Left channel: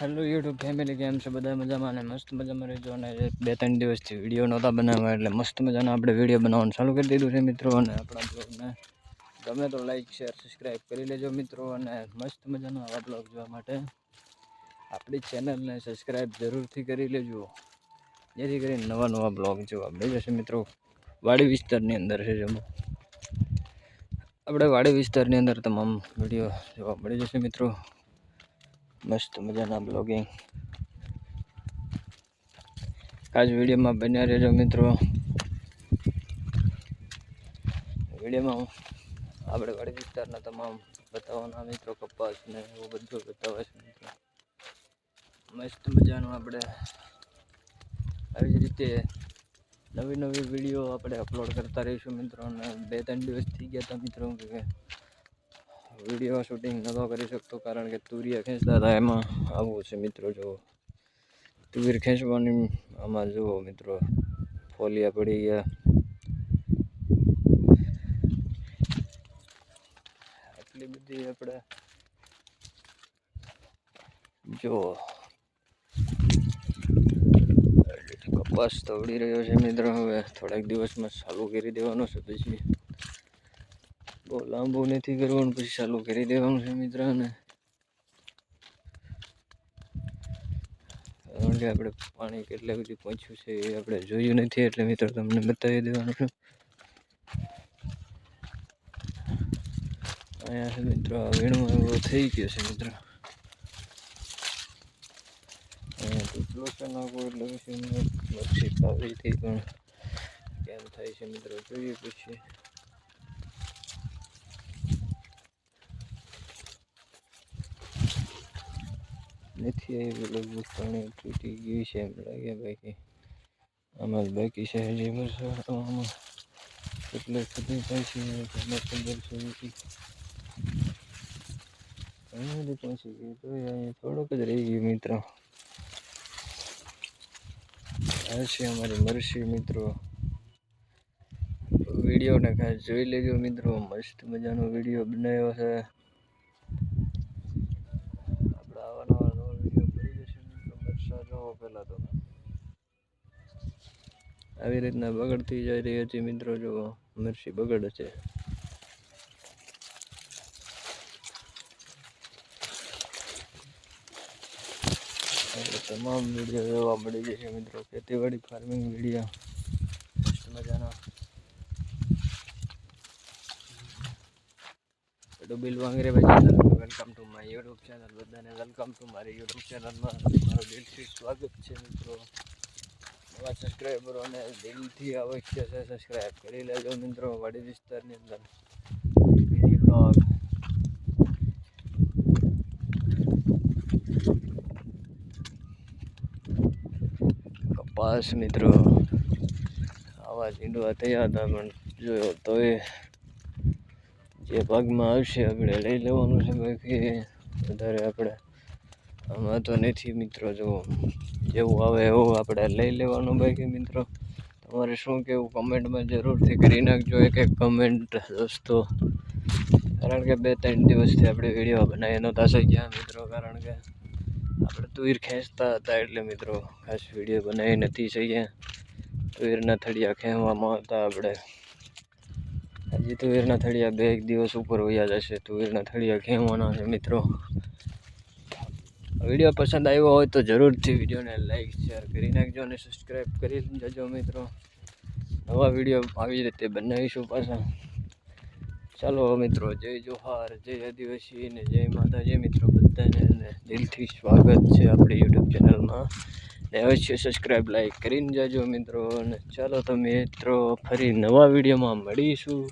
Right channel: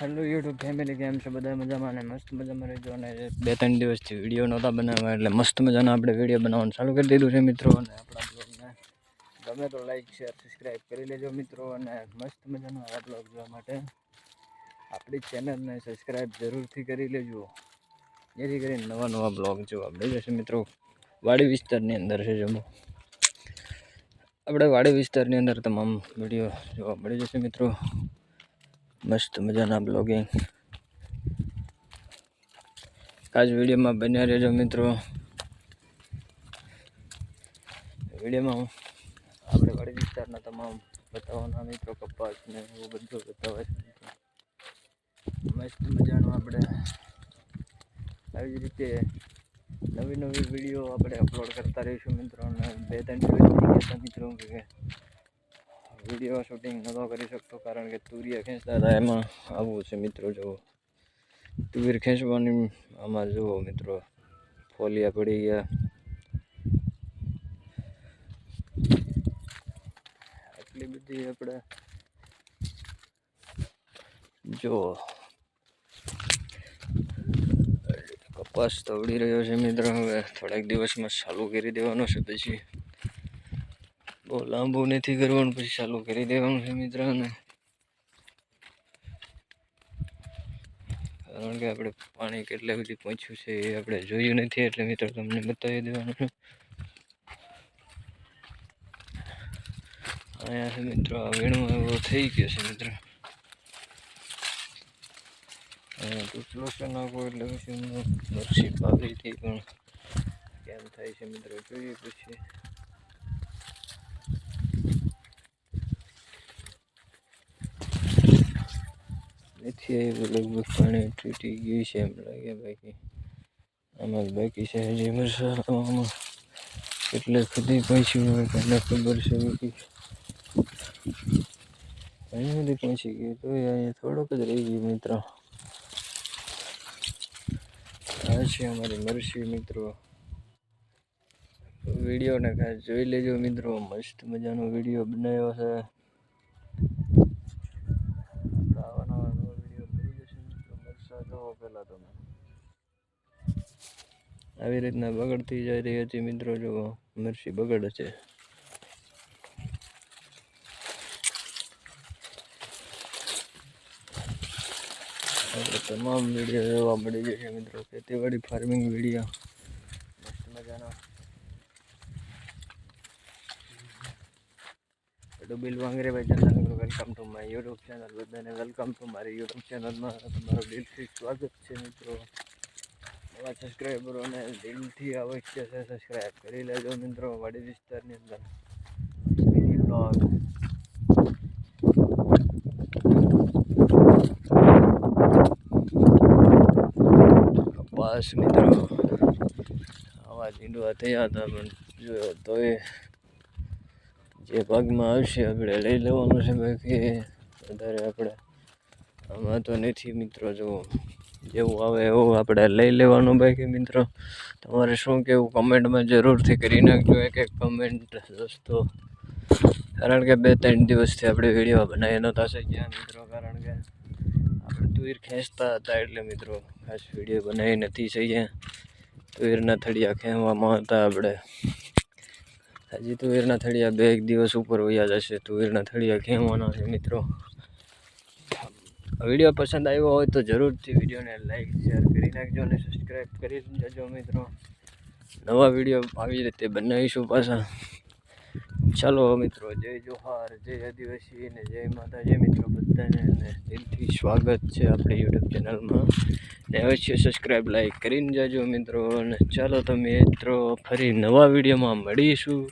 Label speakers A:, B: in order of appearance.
A: Hello YouTube family કેમ છે? બધા મજામાં અને મસ્ત મજામાં રહેજો. અને એક બે ત્રણ દિવસથી વીડિયો નહોતા બનાવવા એટલે મસ્ત મજાનો આપણે વીડિયો બનાવવાનું ચાલુ કરી દીધું છે મિત્રો. અને આપણા બ્લોગને ગમે તો લાઈક શેર સબસ્ક્રાઈબ કરી લેજો મિત્રો. અને મસ્ત મજાનો આવા બ્લોગ જોવા માટે આપણી ચેનલને સબસ્ક્રાઈબ જરૂરથી કરી લેજો. જેથી કરીને નવા નવા બ્લોગ જોવા મળી જશે મિત્રો. વાડી વિસ્તારની અંદર છે જમો. આપણે વાડી વિસ્તારની અંદર તમામ વીડિયો જોવા મળી જશે મિત્રો. મસ્ત મજાના બ્લોગિંગ આજ વિડીયોમાં બન્યા રહેજો મિત્રો. વિડીયોમાં આપણે વાડી વિસ્તારના તમામ બતાવવાના મિત્રો, કપાસ ને એવું બધું બતાવે છે મસ્ત મજાનું આપણે આવી જ રીતે નવી નવી વીડિયો આપણે અપલોડ કરતા રહીશું મિત્રો. અને બે ત્રણ દિવસ થઈ ગયા મિત્રો. કે વીડિયો શૂટિંગ નહોતો કરી શકતો કારણ કે તુરિયા ખેંચતા હતા. એમાં આવું છે મિત્રો, જુઓ. તુર ખેંચવાની આમાં જુઓ મિત્રો, ફોલિયા પડી ગયા. આટલી બધી આપણે જુઓ. કપાસ તો ઉડી રહ્યો છે મિત્રો. હવે થોડાક દિવસમાં ચાલુ કરી દેવાનો છે પછી. બહુ લાંબુ નથી કરવાનું, પછી ચાલુ કરી દેવાનું છે મિત્રોને. કારણ કે આપણે પાણી કેટલા સુધી પહોંચ્યું છે એ આપણે જોયું નથી, એટલે મિત્રો તમને બતાવી દેવાનું છે. અહીંયા મિત્રો, આ વેણો એવો થઈ ગયો છે મિત્રો. ટૂચલો છે નાખો એટલે પછી મચ્છી પાવી હતી પણ કેમ થાય છે મિત્રો, જોઈએ પછી. નથી લગભગ પાણી તૂટી ગયું છે, એમ લાગે બાકી આમાં બાકી છે, હજી વરસાદમાં એટલે ખુદી પહોંચી હોય તમને ખબર છે બધી અહીં બધી પહોંચી ગયું તો અહીંયા થોડોક જ રહી ગયું મિત્રો. આ છે અમારી મરસી મિત્રો. વિડીયોને ખાસ જોઈ લેજો મિત્રો, મસ્ત મજાનો વીડિયો બનાવ્યો છે આપણે આવા નવા નવા વીડિયો મળી જશે મિત્રો જોવો પહેલાં તમે આવી રીતના બગડતી જઈ રહી હતી મિત્રો, જો મરસી બગડે છે. તમામ વીડિયો જોવા મળી જશે મિત્રો. ખેતીવાડી ફાર્મિંગ વીડિયો. મસ્ત મજાનો. ડુબિલ વાંગરે ભાઈ channel welcome to my YouTube channel બધાને વેલકમ ટુ મારી યુટ્યુબ ચેનલમાં તમારું દિલથી સ્વાગત છે મિત્રો. નવા સબસ્ક્રાઈબરોને દિલથી અવશ્ય છે સબસ્ક્રાઈબ કરી લેજો મિત્રો, વાડી વિસ્તારની અંદર. બ્લોગ કપાસ મિત્રો. આવા ઝીંડવા થયા હતા, પણ જોયો તોય જે ભાગમાં આવશે આપણે લઈ લેવાનું છે બાકી વધારે આપણે આમાં તો નથી મિત્રો, જો જેવું આવે એવું આપણે લઈ લેવાનું બાકી મિત્રો. તમારે શું કહેવું કમેન્ટમાં જરૂરથી કરી નાખજો એક એક કમેન્ટ દોસ્તો કારણ કે બે ત્રણ દિવસથી આપણે વીડિયો બનાવી નહોતા શક્યા મિત્રો, કારણ કે આપણે તુર ખેંચતા હતા એટલે મિત્રો ખાસ વીડિયો બનાવી નથી શક્યા. તુરના થળિયા ખેંચવામાં હતા આપણે. હજી તુવેરના થળિયા બે એક દિવસ ઉપર વયા જશે તુવેરના થળિયા ખેંચવાના છે મિત્રો. વીડિયો પસંદ આવ્યો હોય તો જરૂરથી વિડીયોને લાઈક શેર કરી નાખજો અને સબસ્ક્રાઈબ કરી જજો મિત્રો. નવા વીડિયો આવી રીતે બનાવીશું પાછા. ચાલો મિત્રો, જય જોહાર, જય આદિવાસી ને જય માતાજી મિત્રો બધાને દિલથી સ્વાગત છે આપણી યુટ્યુબ ચેનલમાં. ને અવશ્ય સબસ્ક્રાઈબ લાઈક કરીને જાજો મિત્રો. અને ચાલો તો મિત્રો, ફરી નવા વિડીયોમાં મળીશું.